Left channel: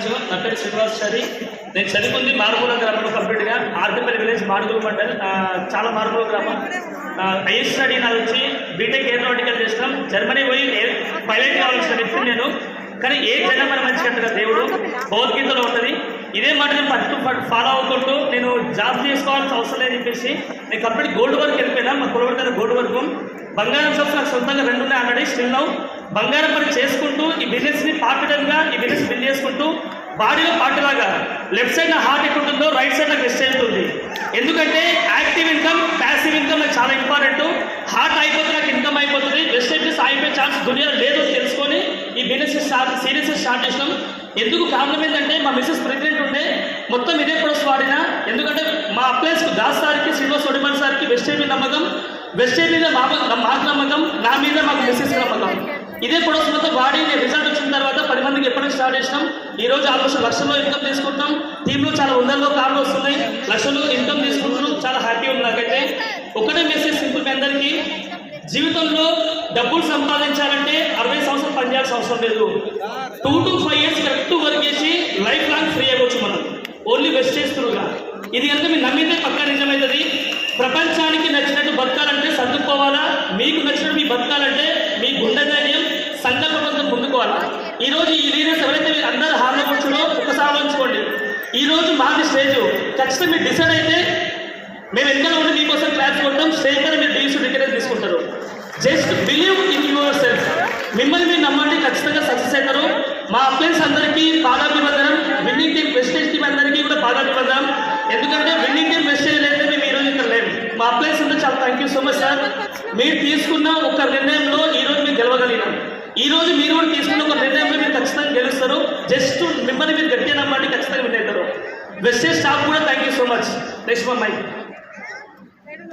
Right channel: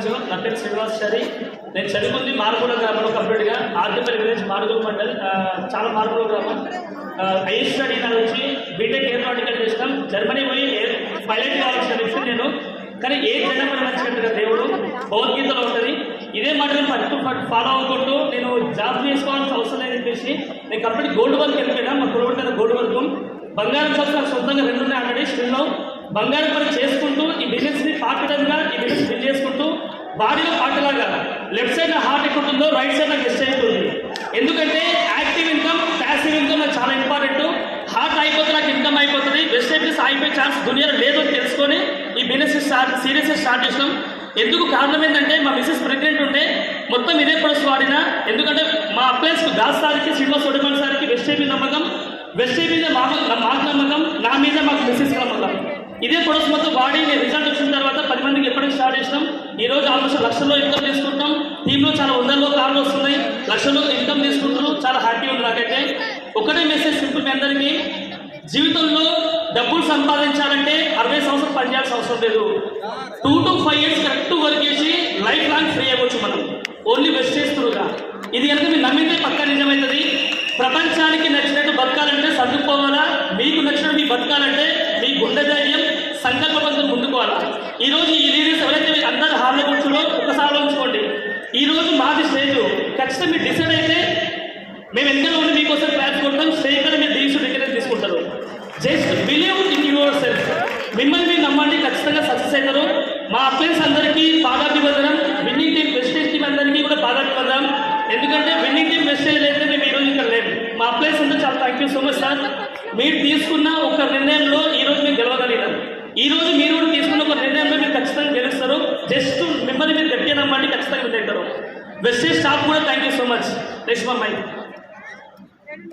Study నేను చదివింది మారుమూల గ్రామంలో కంప్లీట్గా ఆర్టిపల్లి విలేజ్ మార్గుల మండల్ చాలా మార్గుల గ్రామం. హైయర్ స్టడీ నాకు వచ్చి బీటెక్ ఏరోనాటికల్ చేసినాం జర్మనీ పోయి పైలట్ కావాల్సి నేను. కానీ ఏ జనం అని నచ్చినట్టుగా దేవుడు భౌతికలో ఉంటుంది. ఇదే మాట నేను పట్టు ఫాలో అవుతుంటూ నేను జాబ్ చేసుకోవాల్సిన అవసరం లేదని చెప్పేసి నేను కంప్లీట్ గోల్డ్ వర్క్ వెళ్ళిపోయినా. మా కులవంటారు గోల్డ్ వర్క్ బంగారం సంస్థ నాకు సొంతంగా రెండు ఉన్నాయి ఆల్రెడీ స్టిల్ బంగారం పని చేసుకుంటూ ఈ బిజినెస్ని పార్ట్ ఈ బిజినెస్ బిల్డ్ చేసుకుంటూ బాడీలో పార్ట్ లెఫ్ట్ సైడ్ నా హార్ట్ ఎక్కువ ఉంటుందో రైట్ సైడ్ నాకు రెస్ట్ అవుతుంది ఉంది. ఎందుకంటే యాక్టివ్ ఇన్కమ్ ప్యాసివ్ ఇన్కమ్ నాకు చాలా ఇంపార్టెంట్ హార్ట్ అయిపోతే నాకు ఇన్కమ్ అయిపోతుంది. వెస్ట్ సైడ్ అయిపోయే ఛాన్స్ దునియాలో లేదు అని తెలుసుకొని ఈ బిజినెస్ స్టార్ట్ సీరియస్ స్టార్ట్ చేసినాం. ఎందుకు కారణం ఏంటంటే మా మిస్సెస్ ప్రెగ్నెంట్ ఉంటే మొత్తం ఇదే ప్రొడక్ట్స్ వాడిన. ఎందుకంటే మా అప్లయన్స్ గాస్ సార్కి శ్రీనివాస్ ఒడిమల్ సార్కి వెస్ట్ మీద నమ్మకం. వెస్ట్ మీద మా మాకు నమ్మకం. నా మీద మాకు మిస్సెస్ నమ్మకం. ఇదే ప్రొడక్ట్స్ మొత్తం వాడి రిజల్ట్ వచ్చిన తర్వాత పది మందికి ఎప్పటికి స్టార్ట్ చేసినాం. ఈ రోజు ఆల్మోస్ట్ లక్షల్లో ఇన్కమ్ తీసుకుంటాం టీంలో చాలా వందల్లో కార్లు వస్తున్నాయి. లక్షల్లో ఇన్కమ్ తీసుకుంటున్నాం. చాలా హ్యాపీగా ఉంది నాకైతే. ఒకటే మెసేజ్ సింపుల్ మీ అందరికీ. జీవితంలో డబ్బులు సంపాదించాలంటే అరవై సంవత్సరం పనిచేయాల్సిన అవసరం లేదు. Two to five years correct work చేసి లైఫ్ లాంగ్ ఫ్రీ అవ్వచ్చు మనం. ఓన్లీ వెస్ట్ త్రూగా ఇది కనుక మీరు నమ్మితే పక్క నిజమవుతుంది ప్రపంచానికి నచ్చినట్టు బతకాలంటే సర్దుకోవాలా మీకు నచ్చినట్టు మీ బతకాలంటే మీ గుండె ధైర్యం సంకల్పంతో ముందుకోవాలా ఈ రోజు ఈ లీడర్స్ ఎవరైతే మీరు అందరూ హాల్లో కూర్చులో ఒకసారి ఆలోచించుకోండి ఈ రోజు మాది స్టేజ్ నెక్స్ట్ మీరు డిసైడ్ అయితే మేము వెనకాల ఉండి మీకోసం క్లాస్ కొడతాం స్టేజ్ మీరు డీసీ డిక్లరేషన్ తీసుకుంటారు. Just believe in yourself మిమ్మల్ని మీరు నమ్మండి ఖచ్చితంగా సక్సెస్ అవుతారు. మా అప్లయన్స్ అందరికీ పాదాభివందనం విన్నింగ్ టీం వెస్టేజ్ టీం అందరికీ కూడా పాదాభివందనం. ఎందుకంటే విన్నింగ్ టీం వెస్టేజ్ అయితే మేము ఈరోజు ఇక్కడ లేదు మా అప్లయన్స్ అందరూ చాలా thank you so much sir మీరు తీసుకున్న ఒక నిర్ణయంలో ఈ రోజు మీరు గెలవగలిగినారు ఈ రోజు మీరు కూడా తీసుకున్న ఒక నిర్ణయంలో మీరు ఖచ్చితంగా గెలుస్తారు జస్ట్ మిమ్మల్ని మీరు గట్టిగా నమ్మండి ఖచ్చితంగా విన్ అవుతారు వెస్టేజ్ స్టాఫ్ కూడా thank you so much next మా mike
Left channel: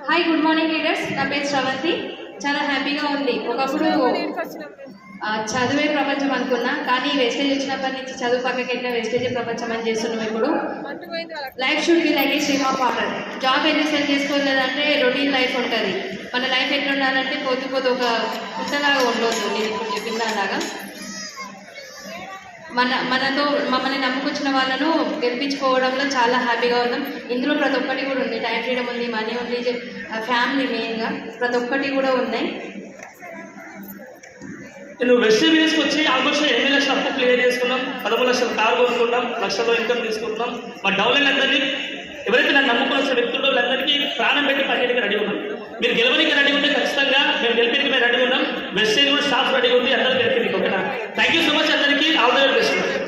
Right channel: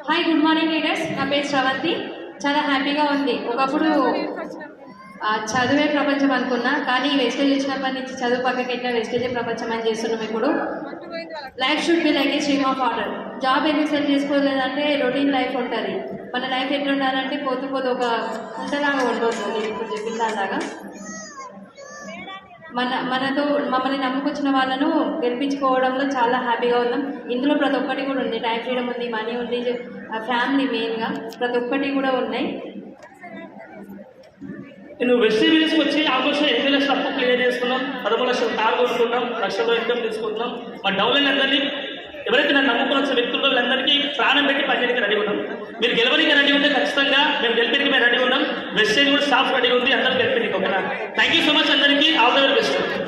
hi good morning leaders నా పేరు శ్రవంతి. చాలా హ్యాపీగా ఉంది. ఒకప్పుడు చదువే ప్రపంచం అనుకున్నా కానీ వెస్టేజ్ వచ్చినప్పటి నుంచి చదువు పక్కకి వెళ్ళిన వెస్టేజ్ ప్రపంచం అని చేస్తున్నాం ఇప్పుడు. Life should be like a stream of water job ఎందుకు సెట్ చేసుకోలేదంటే రొటీన్ లైఫ్ ఉంటుంది. మన లైఫ్ ఎట్లా ఉండాలంటే పోతూ పోతూ ఒక ఉంటలాగా ఉండొచ్చు మీరు ఇప్పుడు చెప్పిన దానిలాగా. మన మనతో మమ్మల్ని నమ్ముకొచ్చిన వాళ్ళను గెలిపించుకోవడంలో చాలా హ్యాపీగా ఉన్నాం. ఇందులో ప్రతి ఒక్కటి కూడా ఉంది టైం ఫ్రీడమ్ ఉంది మనీ ఉంది ఫ్యామిలీ మెయిన్గా ప్రతి ఒక్కటి కూడా ఉన్నాయి. నువ్వు వెస్ట్ ఇండీస్కి వచ్చి ఆల్మోస్ట్ ఎనిమిది లక్షల అప్పు క్లియర్ చేసుకున్నాం. పదమూడు లక్షలు కార్ కొనుక్కున్నాం. లక్షల్లో ఇన్కమ్ తీసుకుంటున్నాం. మా డౌన్ అందరినీ ఎవరైతే నన్ను నమ్ముకోవాల్సిన వ్యక్తుల్లో వాళ్ళందరికీ ప్రాణం పెట్టి పనిచేయడానికి రెడీ ఉన్నాం. మీరు గెలవడానికి రెడీ ఉంటే ఖచ్చితంగా మేము గెలిపించి మేము రెడీ ఉన్నాం. వెస్ట్ కూడా స్టాఫ్ రెడీ ఉంది. అందరూ గెలిపించి ఓకేనా థ్యాంక్ యూ సో మచ్ అందరికీ ఆల్ ద బెస్ట్